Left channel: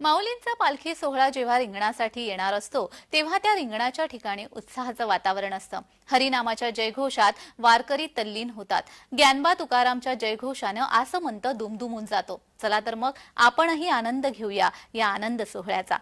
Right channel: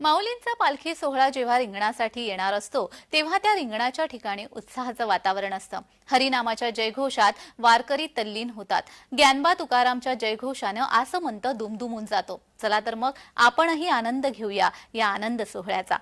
माऊलींचा पालखी सोहळा जेव्हा रिंगणासाठी येणार असतो तेव्हा त्या रिंगणाच्या ठिकाणी उत्साहाचं वातावरण असतं. हरिनामाच्या जयघोषात वारकरी तल्लीन होतात. ज्ञानबा तुकारामच्या जयघोषानं आसमंत दुमदुमून जातो. चला तर मग आपणही आनंद घेऊया या आनंद सोहळ्याचा.